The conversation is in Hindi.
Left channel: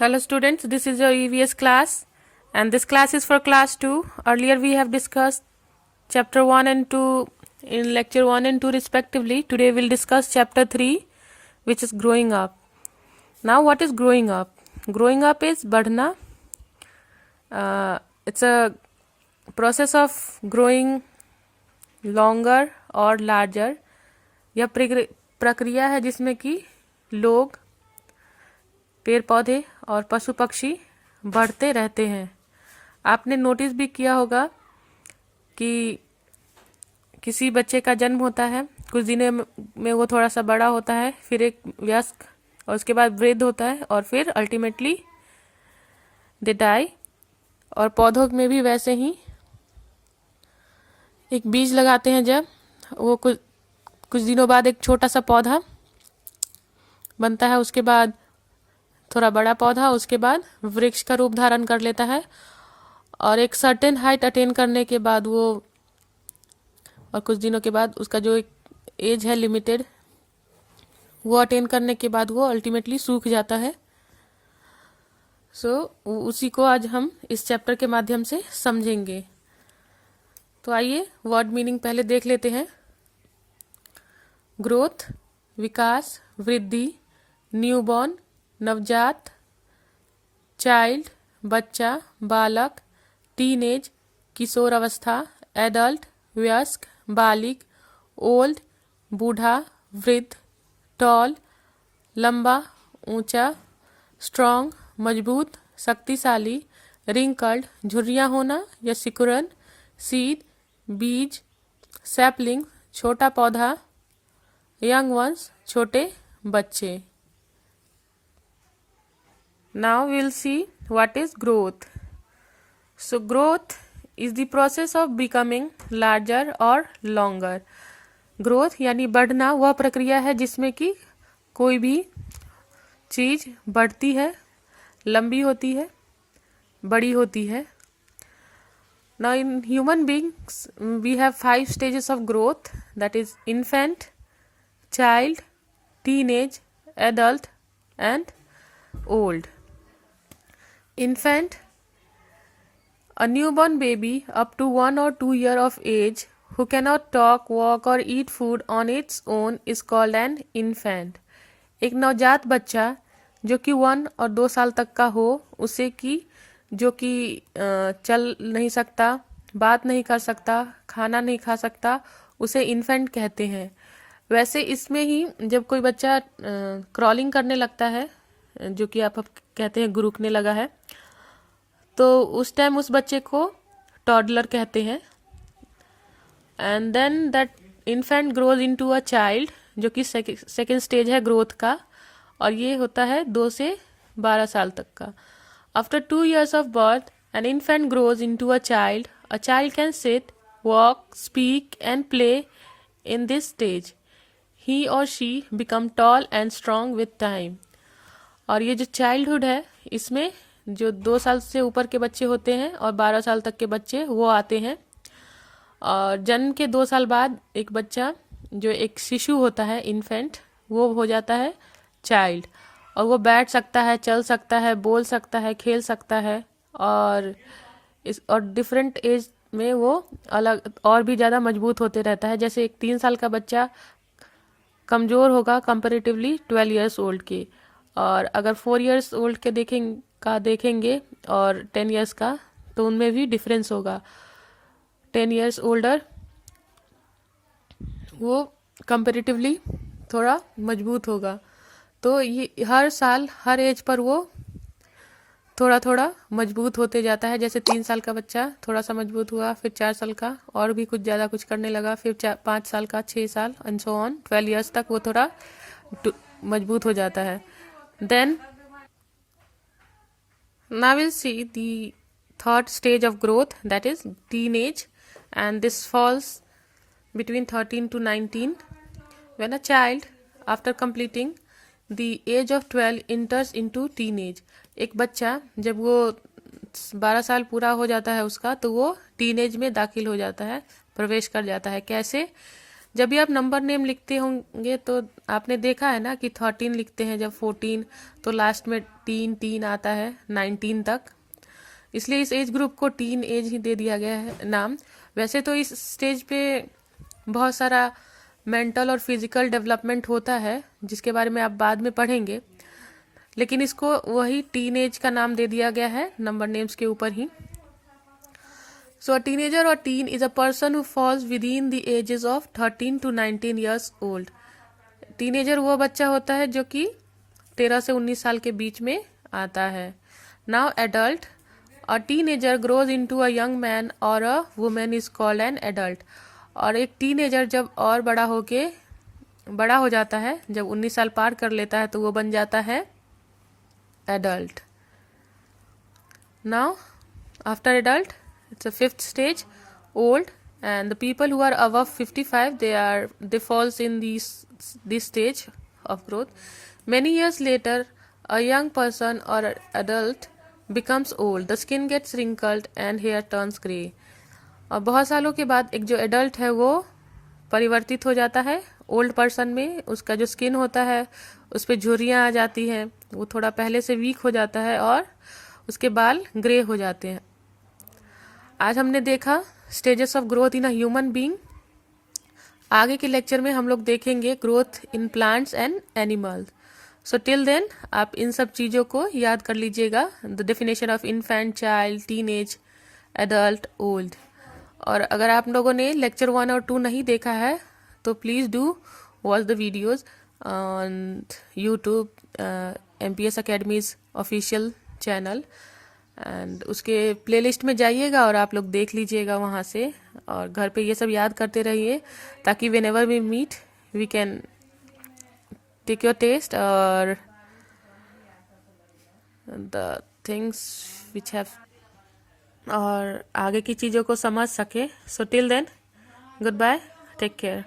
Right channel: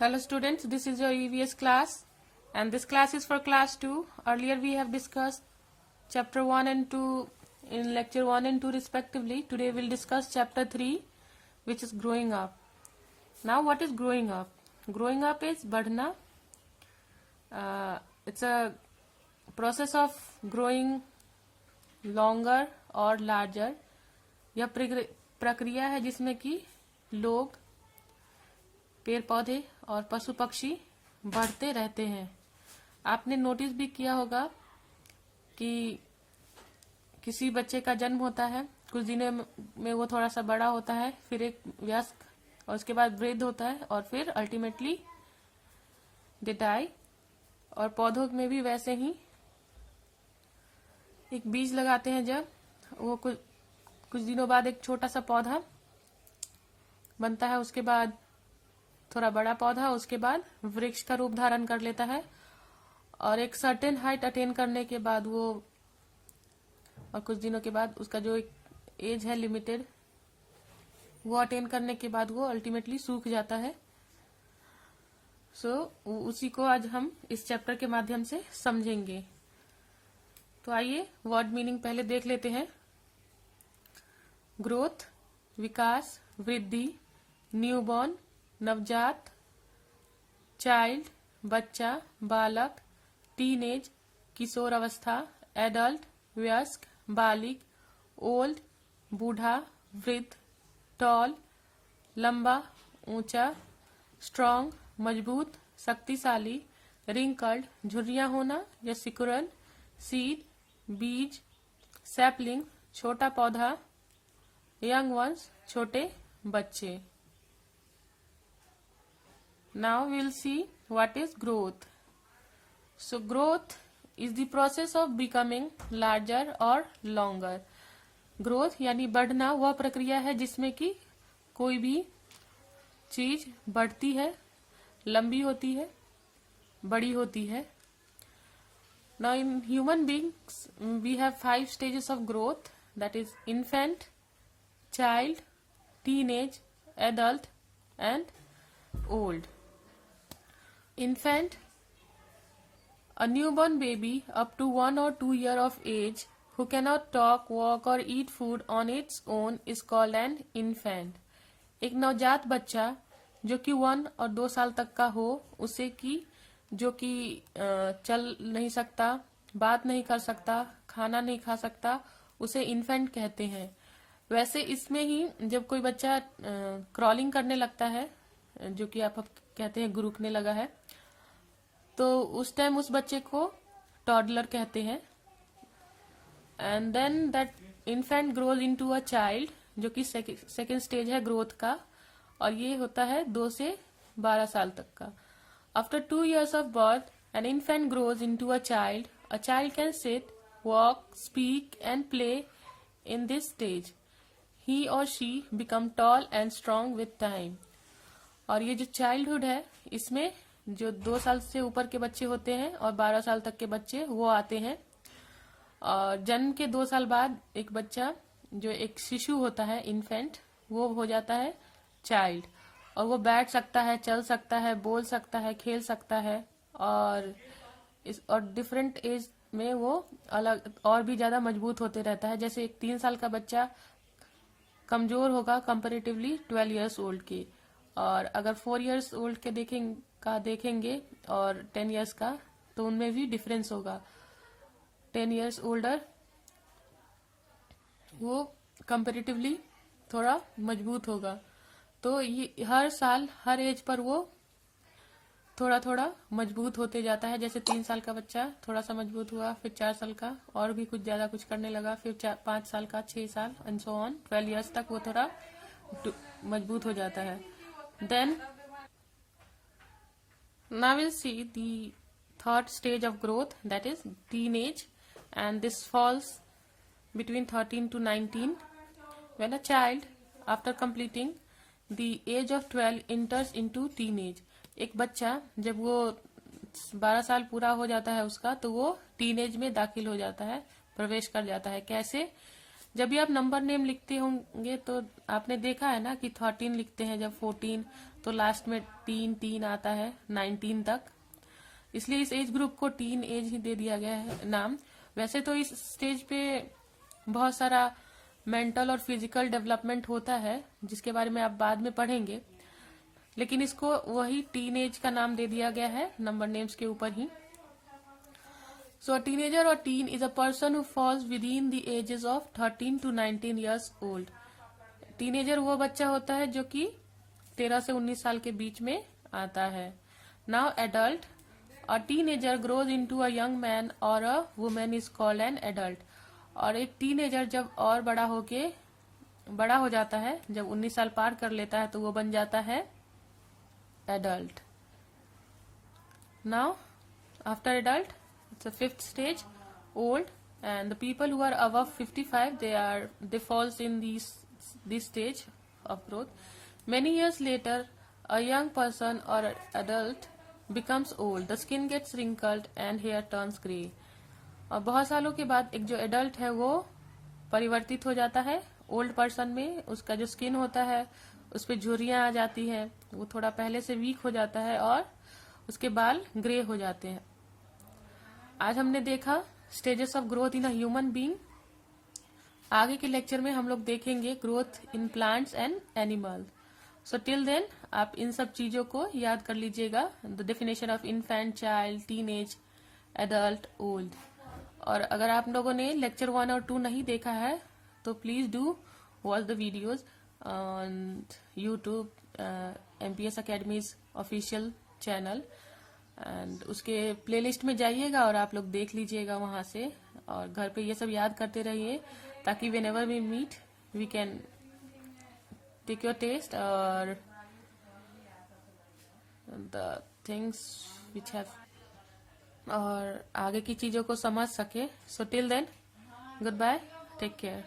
Hello students, this is your EVS class and this class is for class 2. Earlier we have discussed chapter 1 and 2 in lecture 1 and 2 respectively. Today we'll discuss chapter 3 which is growing up. Now what is growing up? Growing up is badhna. It's a process of growing longer or larger. यह प्रक्रिया है जिसमें कि लोग पेड़ पौधे और पशु पक्षी बढ़ते रहते हैं। आपने नोटिस भी किया होगा कि किसी बच्चे का जन्म होता है, कुछ दिनों में वो थोड़ा सा बड़ा होता है, फिर एक वयस्क और उसके बाद वृद्ध होता है और फिर अल्टीमेटली दे डाई। और पौधों में भी वैसे ही एक बीज लगाते हैं, जब वो कुछ दिनों बाद एक छोटा सा पौधा बनता है, उसके बाद थोड़ा बड़ा पौधा, उसके बाद वृक्ष का रूप धारण कर लेता है और एक सर्टेन हाइट अटेन करने के बाद वो और कुछ दिनों के बाद उसका जो एक एज है लिमिटेड, वो अटेन करने के बाद वो अल्टीमेटली सूख जाता है। उसी को आज हम इस चैप्टर के माध्यम से समझेंगे। तो आइए वर्ड मीनिंग पहले देख लेते हैं। ग्रोथ विकास, वृद्धि, न्यूबॉर्न नवजात, चाइल्ड बच्चा, बालक, टीनेज किशोर अवस्था, एडल्ट वयस्क, बालिग, ओल्ड बूढ़ा, वृद्ध, टॉल लंबा ऊंचा, स्ट्रॉन्ग मजबूत शक्तिशाली, रिंकल्ड झुर्रियाँ होना या सिकुड़न, सीड बीज, सैपलिंग छोटा पौधा, यंग वंस छोटे बच्चे। Now we'll see what is growth. So growth is the process of becoming larger or longer. Growth यानी बढ़ना वह प्रक्रिया है जिसमें कि कोई भी चीज बढ़ती है, लंबी होती है, बड़ी होती है। Now in human beings we have 5 stages of growth, that is infant, child, teenage, adult and old. Infant, a newborn baby up to 1 or 2 years of age who cannot talk, walk or eat food on its own is called an infant. एक नवजात बच्चा जो कि 1 और 2 साल तक का हो, उसे कि जो कि चल नहीं सकता, बात नहीं कर सकता, खाना नहीं खा सकता, उसे इन्फेंट कहते हैं। वैसे इसमें ही जब कोई बच्चा क्रॉलिंग करने लगता है, जो कि आप कहते हैं गुरुकने लगा है, तो उस टाइम उस बच्चे को टॉडलर कहते हैं। And then that infant grows into a child, जो कि सेकेंड स्टेज है ग्रोथ का, और ये होता है 2 से 12 साल तक का। After 2 years of birth an infant grows into a child. A child can sit, walk, speak and play in this stage. He or she become tall and strong with time. और ये जो चाइल्डहुड है, इसमें जो 2 साल से ऊपर के बच्चे होते हैं और 12 साल तक के बच्चे वो आते हैं। और जन्म के 2 साल बाद एक बच्चा जो एक शिशु होता है, इन्फेंट, वो हो जाता है चाइल्ड, और वो बैठ सकता है, चल सकता है, बोल सकता है, खेल सकता है, और डिफरेंट एज में वो अलग और भी ज़्यादा मजबूत होते रहता है। जैसे एक 3 साल का बच्चा कमज़ोर होगा कंपेरेटिवली 12 years ओल्ड के, और अगर 4 years ओल्ड के देखेंगे और 10 years का, तो उनमें भी डिफरेंस होगा। 10 years ओल्डर वो कंपेरेटिवली थोड़ा मजबूत होगा। तो ये हर साल हर एज पर वो थोड़ा थोड़ा मजबूत होते जाता है। जैसे 3 साल का बच्चा थोड़ा सा मजबूत हुआ, फिर 4 साल का और भी कुछ ज़्यादा कुछ करने लगा, फिर 5 साल का, 6 साल एंड सो ऑन 12 years तक वो थोड़ा मजबूत हो जाता है। Then now we'll see the third stage of growth, that is teenage, and this falls between 13 to 19 when a child after completing the age of 12 enters into teenage. एक बच्चा जब वो 12 साल पूरा हो जाता है उसका, तो वो टीनेज में दाखिल हो जाता है, प्रवेश कर जाता है। कैसे? जब भी आप नंबर नेम लिखते होंगे तो आपने देखा है ना कि 13 लिखते हैं, जब 14 तो लास्ट में टीन टीन आता है 19 तक, इसलिए इस एज ग्रुप को टीन एज ही दे दिया गया है नाम। वैसे तो इस स्टेज पे बहुत सारा मेंटल और फिजिकल डेवलपमेंट होता है जिसके बारे में आप बाद में पढ़ेंगे, लेकिन इसको वही टीन एज का नाम दे दिया गया है नंबर नेम्स के ऊपर ही। So a teenager or teen is a person who falls within the ages of 13 to 19 years old. Teenager वो बच्चा होता है जो कि 13 से 19 साल के बीच में आता है। Now adult, a teenager grows into a young man और a woman is called an adult. और एक टीनेजर जब और बड़ा हो जाता है, जब 19 साल पार कर लेता है तो वो बन जाता है adult. Now after adult, it's a fifth stage, old, and the people who are above 55 they falls in this stage of growth. Many years later, a young person or adult becomes old. The skin gets wrinkled and hair turns grey. और बहुत सालों के बाद एक जो एडल्ट है वो परिवर्तित हो जाता है ओल्ड पर्सन में। उसका जो स्किन होता है उस पर झुर्रियाँ आ जाती हैं, वो थोड़ा पहले से वीक हो जाता है और उसके बाल ग्रे हो जाते हैं। आज हमने देखा stages of growth in a human being. आगे के लेक्चर में हम लोग देखेंगे growth in plants and animal. So till then आप इन सब चीज़ों को याद कर लीजिएगा, the definition of infant, child, teenage, adult, old. और अगर आप लोगों ने लेक्चर 1 और 2 नहीं देखा है तो please do watch the videos on YouTube, MPS academies official channel, and उसके प्लेलिस्ट में जाइएगा और आप लोग देख लीजिएगा वहाँ से। और घर पे ये सब याद करते रहिए ताकि whenever we meet we can take your test और द थिंग्स विच हैव, और आगे की चीज़ों को समझ सके। So till then, goodbye, take care.